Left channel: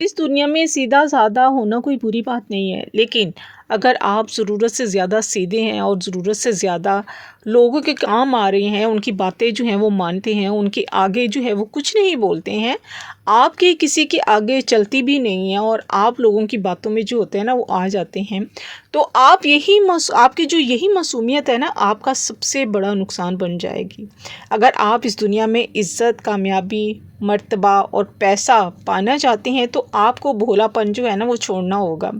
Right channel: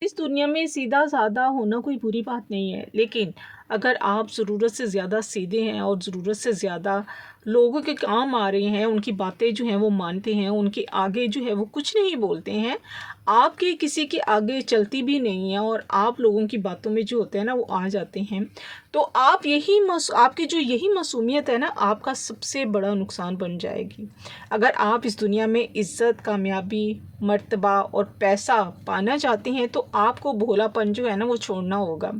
इस दुनिया में सीधा-साधा होना कोई बुरी बात नहीं है, लेकिन अगर आप ज़रूरत से ज़्यादा सीधे हैं और ज़रूरत से ज़्यादा लोगों के काम आ रहे हैं, उनकी बातें जो हैं वो मानते हैं, उनके आगे जो है वो कुछ नहीं बोलते हैं, आपकी किसी के आगे चलती भी नहीं है और आप लोगों की बातों में जो होते हैं ना वो आ जाते हैं, तो आप आपकी जो यही मासूमियत है ना, आपका सबसे बड़ा नुकसान बन जाएगी। अगर आप इस दुनिया में इज़्ज़त, कामयाबी, मर्तबा और पैसा पाना चाहते हैं तो आपको भोलापन जो है ना वो छोड़ना होगा।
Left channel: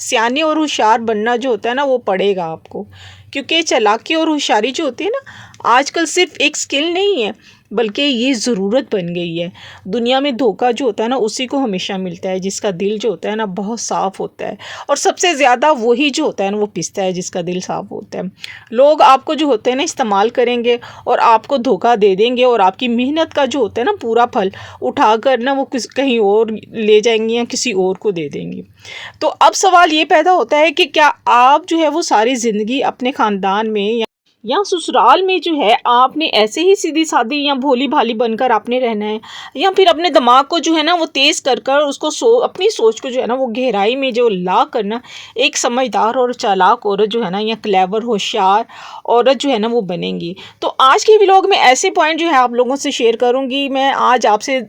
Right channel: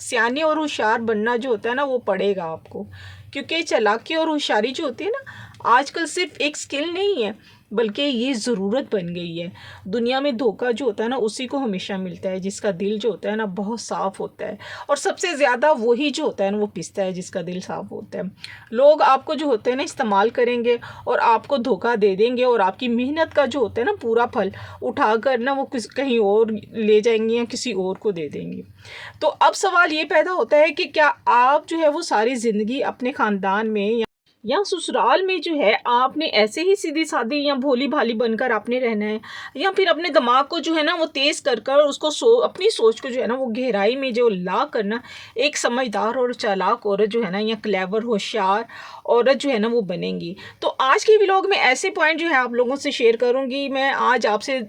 सियाने और होशियार बनना जो होता है ना वो पड़ेगा आपको, क्योंकि चालाकी और होशियारी जो होती है ना आजकल सिर्फ एक स्किल नहीं है, बल्कि ये ज़रूरत बन गई है। दुनिया में धोखा जो होता है ना उसी को हमेशा मिलता है जिसका दिल जो होता है ना बहुत साफ़ होता है, और सबसे ज़्यादा वही जो होता है ना वो पिसता है जिसका दिल साफ़ होता है। लोग आपको जो होते हैं ना इस्तेमाल करेंगे और आपको धोखा दे देंगे, और आपकी मेहनत का जो होता है ना पूरा फल उठाकर ना वो कहीं और ले जाएंगे या किसी और को दे देंगे। तो अब सवाल ये पैदा होता है कि क्या आप जो है वो सारी ज़िंदगी अपने ख़ानदान में या ससुराल में जो है आपने ऐसे ही सीधी-सादी या भोली-भाली बनकर आपने रहना है, या फिर अपने दिमाग को जो है ना वो तेज़ कर कर उसको अपनी सोच को जो है ना वो गहराई में जो ला कर ना एक समझदार और चालाक औरत जो है ना या क्लेवर होशियार औरत जो है ना वो बनेंगी। तो आज के व्लॉग में ऐसे पॉइंट जो है आप लोगों से शेयर करूँगी। मैं आज आपसे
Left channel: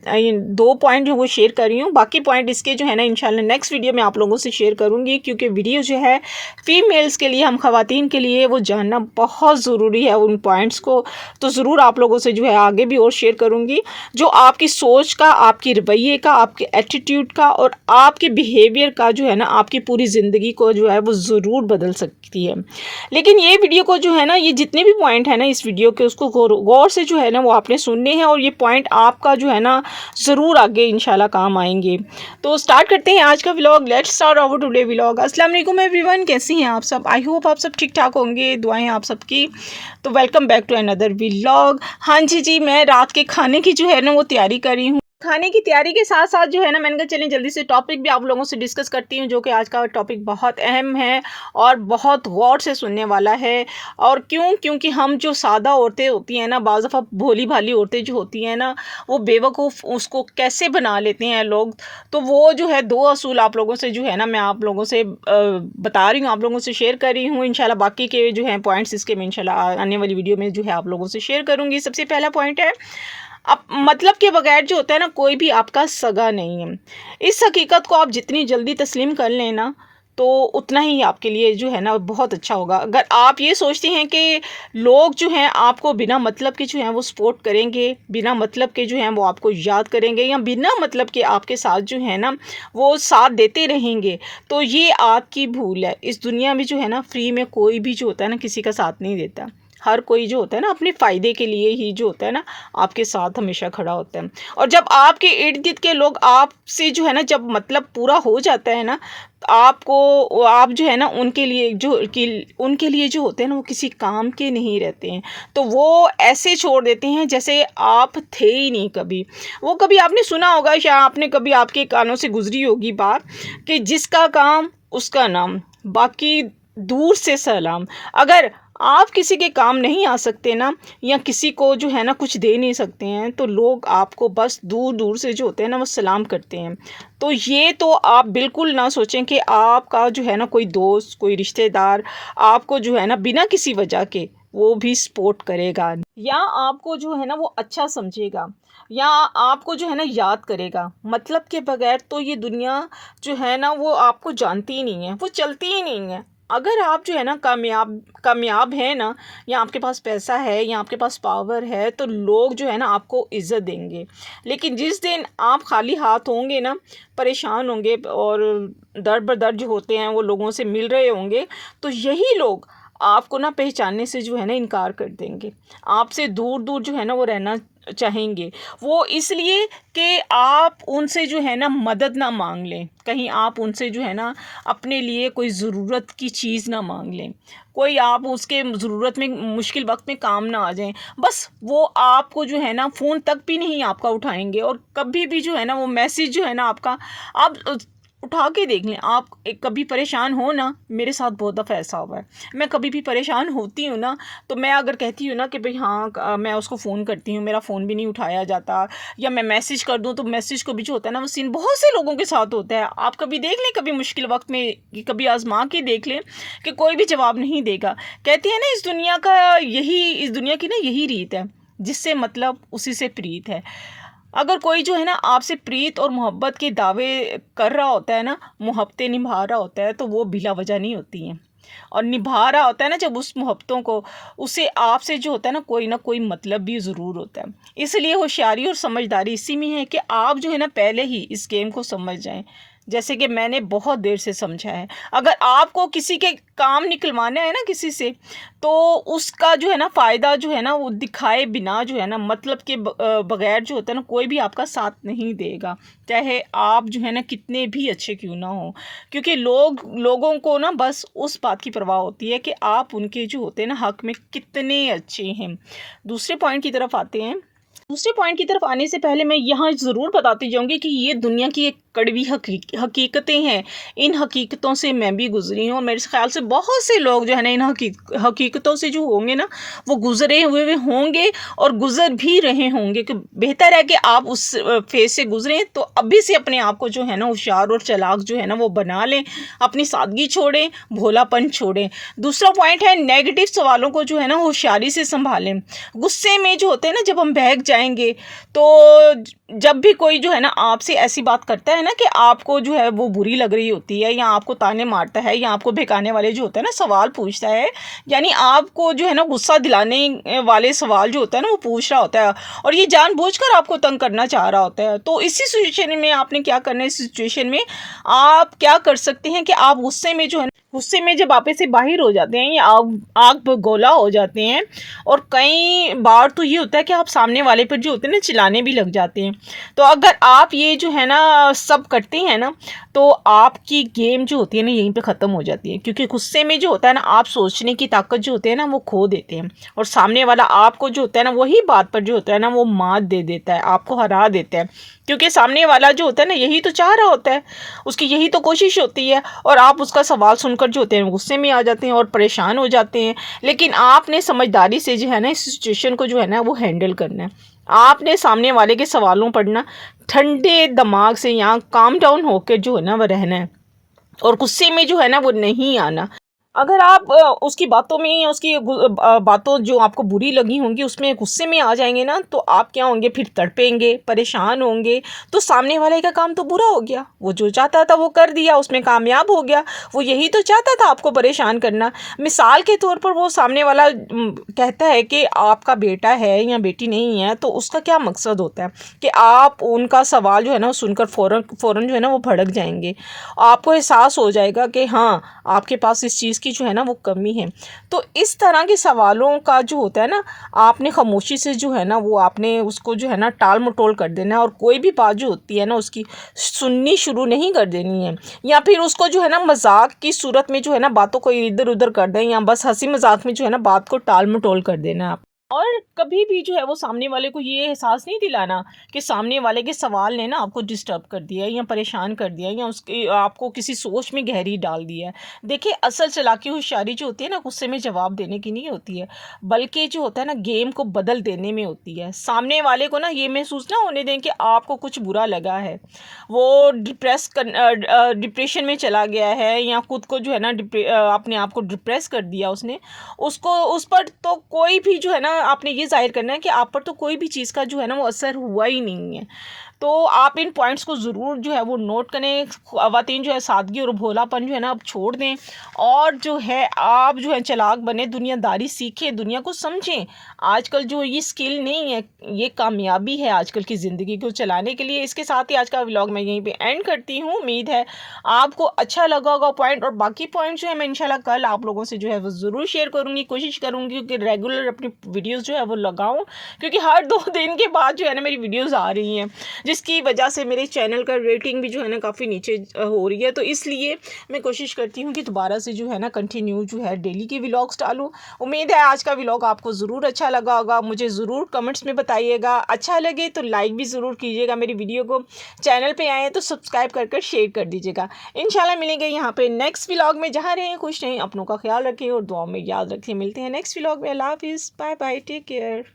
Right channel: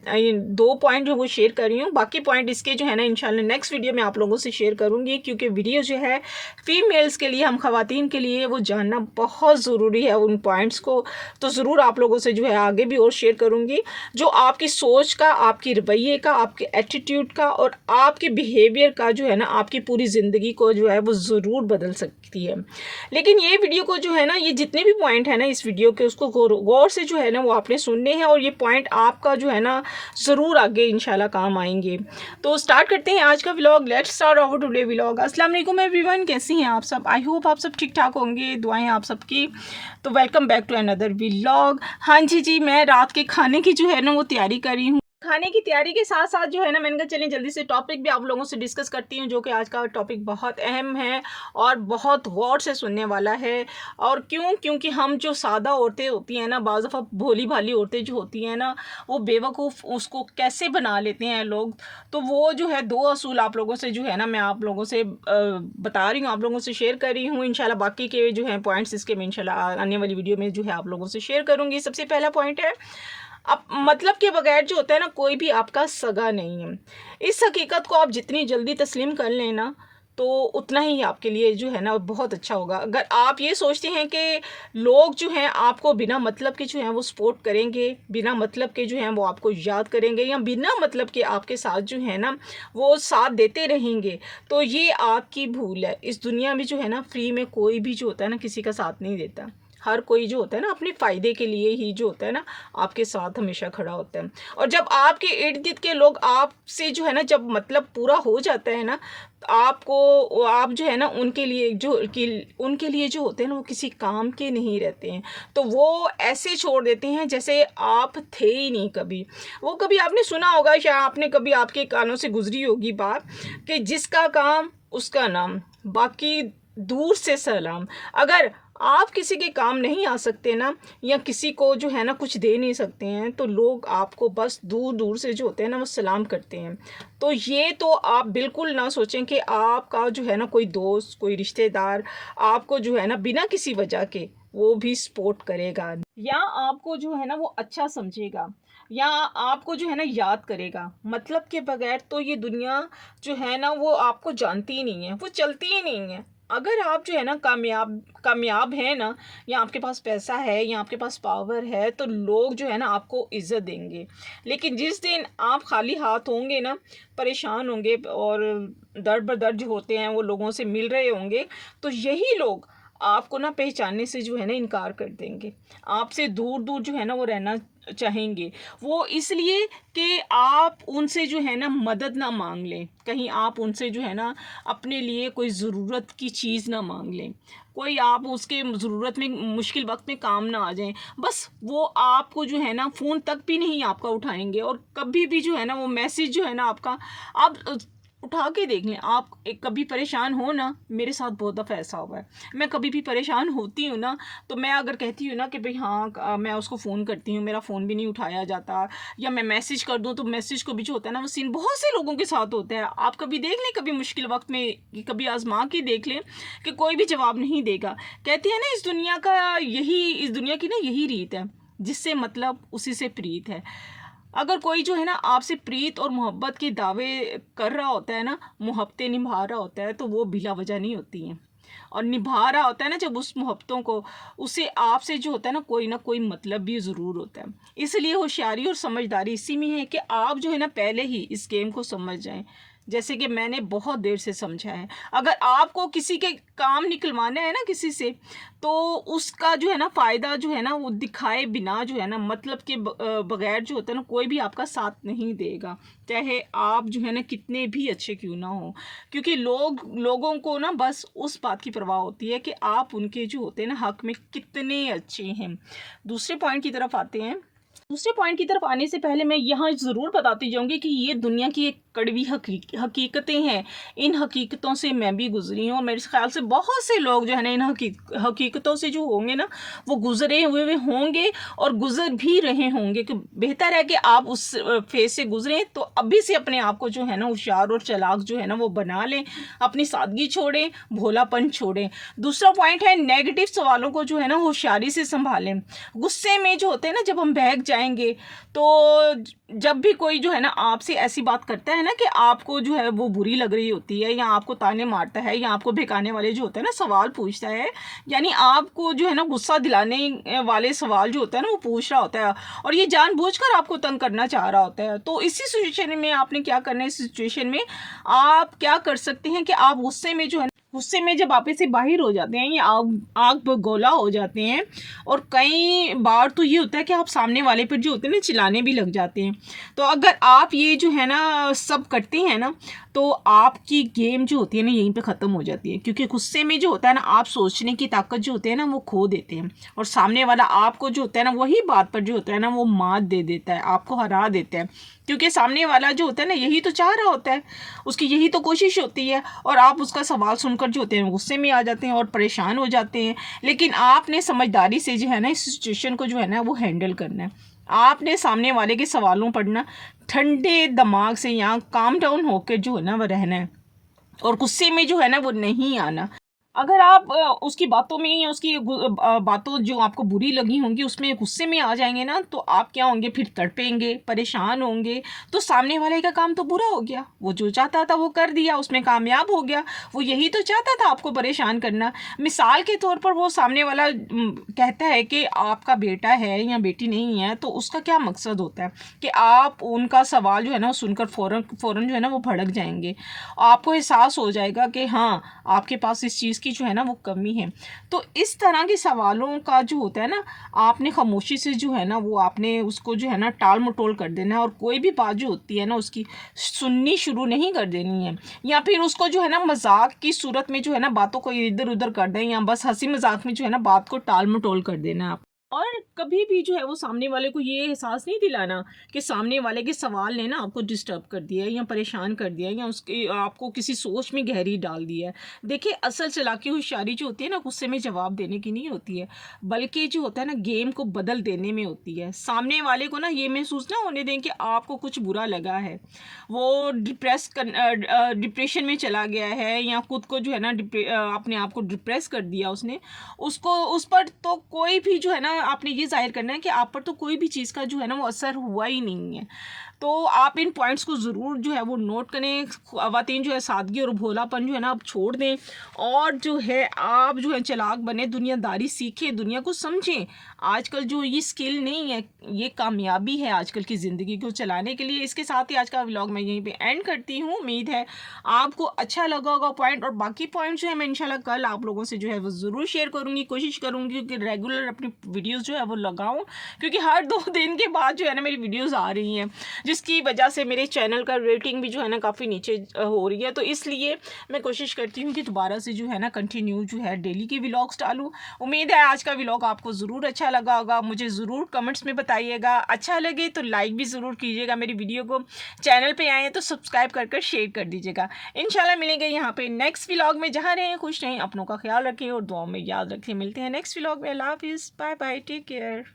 2 पॉइंट जो वो शेयर कर रही हूँ, बाकी पॉइंट इसके जो है ना इंशाल्लाह नेक्स्ट वीडियो में आप लोगों से शेयर करूँगी, क्योंकि वीडियो जो है फ़ीमेल्स के लिए, हम ख़वातीन के लिए वो जानना बहुत ज़रूरी है उन पॉइंट्स को। तो ज़रूर आप लोगों से जो है आगे भी और शेयर करूँगी, जो आपकी सोच का, आपके रवैये का, आपके एटीट्यूड का और आपके बिहेवियर का जो है ना आपकी पूरी ज़िंदगी को जो है वो ज़रूर बदल सकती है। लेकिन ये वीडियो को जो है ना, ये जितने भी पॉइंट है ना इस वीडियो के, उसको गौर से जो है ना वो आपने सुनने हैं, और ये पॉइंट आपका जो है ना ज़रूर आगे इंशाल्लाह काम आएंगे। तो स्टार्ट करते हैं आज का vlog. Let's start our today vlog. अस्सलाम वालेकुम एवरीवन, कैसी हैं आप सब? आई होप आप सब ठीक ठाक होंगे, दुआएं आप सबकी। तो welcome back to another vlog. हाँ जी, मैं रात के खाने की जो है ना वो तैयारी कर रही हूँ। खाने की तैयारी के साथ साथ जो है ना मैंने कहा चलें जल्दी से टॉपिक भी आप लोगों से डिस्कस करती हूँ, जो कि आज का टॉपिक बहुत अहम है और बहुत गौर से सुनने वाला है। और क्योंकि हम जो सादा औरतें होती हैं ना, बाज़ दफ़ा भोली भाली औरतें जो होती हैं ना, वो बेवकूफ़ उसको कैसे बना लेते हैं लोग। तो वो जो है 2 असूल आप लोगों से जो है ना मैं आप लोगों से बता रही हूँ, आप लोगों से शेयर कर रही हूँ। इंशाल्लाह बाकी के जो हैं पॉइंट्स इसके मैं इंशाल्लाह आने वाली वीडियो में जो है आप लोगों से शेयर करूँगी। सबसे पहला पॉइंट है, अब मतलब के बगैर जो होता है ना कोई भी आपका सगा नहीं है। इस हकीकत को आप जितनी जल्दी तस्लीम कर लें ना, तो उतना ही आपके लिए जो है ना बहुत अच्छा होगा। अगर आप ये सोचते हैं कि लोग जो हैं आपको बिना मतलब के जो हैं वो सपोर्ट करेंगे, बिना मतलब के जो हैं वो आपको याद करेंगे, या बिना मतलब के आपके साथ जो है ना वो साथ देते रहेंगे, तो ये आपकी भूल है। इस दुनिया में जो है ना फ्री में कोई भी जो होता है ना किसी का साथ नहीं देता। हर कोई जो होता है ना अपने फ़ायदे के लिए ही जो होता है ना आपके साथ हमेशा खड़ा होता है। और जब आपके इर्द गिर्द के लोग आपसे जो है ना जब मतलब पूरा हो जाता है ना, आपको आप जो है ना उनके लिए जो होते हैं ना वो किसी काम के नहीं रहते हैं। तो वो ऐसे छोड़ देते हैं जैसे आप थे ही नहीं कभी। वो कभी आपने सुना होगा, शायद आपने कभी आपके कानों से गुजरी होगी बात, कि जिसका काम उसका नाम, बाकी दूर से सलाम। अगर आप किसी के काम नहीं आ सकते ना, या किसी को जो है ना कुछ दे नहीं सकते हैं, तो लोग आपको बस दूर दूर से जो होते हैं ना वो सलाम करते हैं। तो ये तो आप बिल्कुल ना सोचें कि आपका जो है ना कोई दोस्त, कोई रिश्तेदार आपको जो है ना बिना किसी वजह के वो भी सपोर्ट करेगा, या आपको जो है ना वो अच्छा समझेगा, या आपको जो है ना याद करेगा। मतलब के बगैर तो ये दुनिया जो है ना वो आपको जानती ही नहीं है, वो चलती ही नहीं है। अगर आप जो है ना कामयाब हैं ना, या आपके पास पैसा है, या आपके पास पावर है, तो लोग जो है ना आपको इज़्ज़त देंगे। लेकिन जिस दिन आप खाली हाथ होंगे ना, परेशान होंगे और दर बदर जो होते हैं वो लोगों से मिल रहे होंगे, तो यही लोग आपको ना पहचानने से जो है ना इनकार कर देंगे। आपसे दूर दूर जो है ना वो रहना चाहेंगे। वो इसलिए कि आप उनसे जो है ना मदद ना मांग लें, कहीं आप उनसे जो है ना अपने लिए कोई ज़रूरत की चीज़ ना मांग लें, कोई आप उसके ज़रूरत में मुश्किल वक्त में काम ना आ जाएं। बस वो आपको जो है ना फ़ोन तक भी नहीं आपका उठाएंगे, और कभी भी जो है ना वो मैसेज जो है ना आपका आप उठा के देख लें। आप कभी परेशान हो ना, मेरे साथ बहुत दफ़ा ऐसा हुआ है, मैं कभी भी परेशान होती हूँ ना, तो मैं अगर कहती हूँ ना कि भाई हाँ मैं उसको फ़ोन करती हूँ, मेरा फ़ोन भी नहीं उठाया जाता, या मैं मैसेज कर दूँ तो मैसेज को भी जो होता है ना वो सीन बहुत से लोगों के साथ होता है। आप कभी देख लें, कभी मुश्किल वक्त में कभी आजमा के देख लें कि कोई भी जवाब नहीं देगा। कहते हैं ना इस दुनिया की ना यही रीत है, जिससे मतलब उसी से प्रीत है। अगर कोई जो है ना आपसे प्रीत और मोहब्बत के दावे कर रहा होता है ना, मोहब्बतें निभा रहा होता है, तो वो बिला वजह नहीं होती हैं। और निभा रहा होता है ना जब उस मोहब्बतों को, उसे आपसे जो होता है ना कोई मतलब भी ज़रूर होता है। इसलिए होशियारी और समझदारी इसी में है कि आप जो है ना पहले ही इस गेम को समझ जाएं, जैसे कि मैंने बहुत देर से समझा है। अगर आपको किसी के काम निकलवाना है ना किसी से, तो उसका जो है ना फ़ायदा जो है ना वो दिखाए बिना जो है ना मतलब के बगैर जो होता है ना कोई भी आपका साथ नहीं देगा, चाहे आप जो है ना कितने भी अच्छे क्यों ना हो। क्योंकि लोगों को ना बस उस बात की परवाह होती है कि आप उनके जो होते हैं ना हक़ में कितने अच्छे हैं। दूसरे पॉइंट की तरफ आते हैं। दूसरे पॉइंट की तरफ आने से पहले मैं यहाँ ज़रूर बताती जाऊँगी कि ये दुनिया की एक कड़वी हकीकतें हैं। इन हकीकतों से मैं भी गुज़री हूँ, और मेरे ख़्याल से बहुत से लोग जो है ना इन हकीकतों से जो होंगे ना वो गुज़रे हुए होंगे और गुज़र भी रहे होंगे। कि बेहतर है कि आप उस फ़ेज़ से गुज़रें, तो अभी से अपने आप को जो है ना होशियार और चालाक जो है ना वो बना लें, अपनी सादगी छोड़ें, भोलापन छोड़ें। दूसरा पॉइंट है नेगेटिव सवालों को जो है ना होशियारी से सँभालें। गुस्से में जो होते हैं ना जब हम बहक जाएँगे, तो जब भी कोई जो है ना आपसे ऐसी बात करता है ना कि आपको जो है वो बुरी लग रही होती है, या आपको ताने मारता है, या आपको बहकाने वाले जो होता है ना सवाल पूछता है, यानी आपको जो है ना गुस्सा दिलाने वाले सवाल जो होता है ना वो पूछ रहा होता है, और ये जानबूझकर आपको तंग करना चाह रहा होता है, तो इसी सिचुएशन में आपने क्या करना है। इस सिचुएशन में आप क्या कर सकते हैं कि आप गुस्से में जब आप से बाहिर हो जाते हैं, या आग आग बगोला हो जाते हैं, और कई बार तो ये होता है कि आप सामने वाले पर जो होते हैं ना चिल्लाने भी लग जाते हैं। तो अगर आप ये जो है ना सब करते हैं ना, तो आपकी गेम जो होती है ना यहीं पे ख़त्म हो जाती है। क्योंकि गुस्से में जो होता है ना आप सोचने की ताकत जो होती है ना वो खो देते हैं, और सामने वाला आपको जो होता है ना वही बात पर जो होता है ना वो मात दे देता है, आपको हरा देता है। क्योंकि सामने वाला जो होता है ना यही तो चाह रहा होता है, उसकी यही तो कोशिश होती है, और आप उसका सवाल सुनकर जो होते हैं गुस्से में आ जाते हैं और परेशान हो जाते हैं। लेकिन आपने समझदारी से जो है ना इस सिचुएशन को जो है ना वो हैंडल करना है। आपने सामने वाले के सवालों पर ना ठंडे दिमाग से, यहाँ काम डाउन होकर जो है ना वो रहना है, और गुस्से में जो है ना वो नहीं आना। अगर आप उसकी बातों में, या उसकी बातों जो आपको बुरी लगी होंगी उसमें गुस्से में आ जाएंगे ना, तो आप क्या होंगे, फिर तड़पेंगे, परेशान होंगे, तो सामने वाले का काम तो बुरा हो गया। वो जो चाहता था वो कर दिया, उसमें कामयाब हो गया। वो यही तो चाहता था, आपको परेशान करना। मिसाल के तौर पर वो सामने वाला कहता है कि आपका बेटा है या बेटी नहीं है, तो उसका क्या मकसद होता है कि आप उनका सवाल जो है ना सुनकर फ़ौरन जो है ना वो भड़क जाएंगे। आपको एहसास हो जाएगा कि हाँ आपके पास इस चीज़ की जो है ना वो कमी है। तो इस तरह के सवालों का जो होता है ना, आपने खामोशी से जो है ना वो आपने उसको जो है ना टाल मटोल कर देना है, और कोई भी बात जो होती है ना उसकी सुननी शुरू नहीं कर देनी है, या फिर उसको जो है ना मजाक की सूरत में जो है ना बातों को इधर उधर कर दें, या बस हंसी मजाक में जो है ना बात को टाल मटोल कर देना है आप। और कभी भी जो है वो सामने वाले को ये एहसास नहीं दिलाना कि सामने वाले के सवाल ने ना आपको डिस्टर्ब कर दिया है, या परेशान कर दिया है, या उसके आपको किसी सोच में गहरी डाल दिया है। देखिए असल चालाकी होशियारी जो होती है ना गुस्से में जवाब देने की नहीं होती है, बल्कि जो होता है ना गेम को बदल देने में होती है। सामने वाले को ना ये महसूस ना होने दें कि आपको कुछ बुरा लगा है, वो डिप्रेशन में चला गया है, या खुद को जो है ना अपने आप को डिप्रेस कर दिया उसने, उसको उस पर तो कोई भी जो है ना आपने ये ज़ाहिर करना है कि आप पर तो कोई भी चीज़ का जो है ना वो असर हुआ ही नहीं है। तो आप इन पॉइंट्स को ज़रूर जो है वो नोट करें। ख़वातीन जो है सादगी और भोलापन जो है ना आप छोड़ दें, और जो है आप जो है चालाक बने, दुनियादारी सीखें, दुनिया को समझें। आजकल जो ये स्किल नहीं है, ये कामयाबी है आजकल की ज़िंदगी को चलाने के लिए। इसके साथ ही आज का व्लॉग मैं यहीं पे एंड करती हूँ। उम्मीद है आपको अच्छा लगा होगा पॉइंट, और बाकी पॉइंट जो है मैं इंशाल्लाह कल आप लोगों से जो है वो ज़रूर शेयर करूँगी। कोशिश करूँगी कि रेगुलर अपनी वीडियोज़ जो है वो लगाऊँ, क्योंकि हर 2 दिन के बाद जो है ना मेरी वीडियोज़ आ रही हैं, जिसकी वजह से मेरे चैनल का रेटिंग भी जो है ना काफ़ी नीचे हो रही है। तो इसलिए मैं कोशिश करती हूँ कि दोबारा से जो है ना कंटिन्यू जो है डेली की व्लॉग्स डालूँ। उम्मीद है आज का व्लॉग आपको ज़रूर अच्छा लगा होगा। मुझे ज़रूर कमेंट्स में बताइएगा। अच्छा लगे तो लाइक भी ज़रूर कीजिएगा मेरी वीडियो को। चैनल पे आए हैं तो सब्सक्राइब कर शेयर कर दीजिएगा। इंशाल्लाह मिलेंगे यहाँ पे नेक्स्ट व्लॉग में। जहाँ रहें खुश रहें, अपनों का ख्याल रखें और दुआओं में याद रखें। मिलते हैं नेक्स्ट व्लॉग में। अल्लाह हाफिज़, बाय बाय, टेक केयर।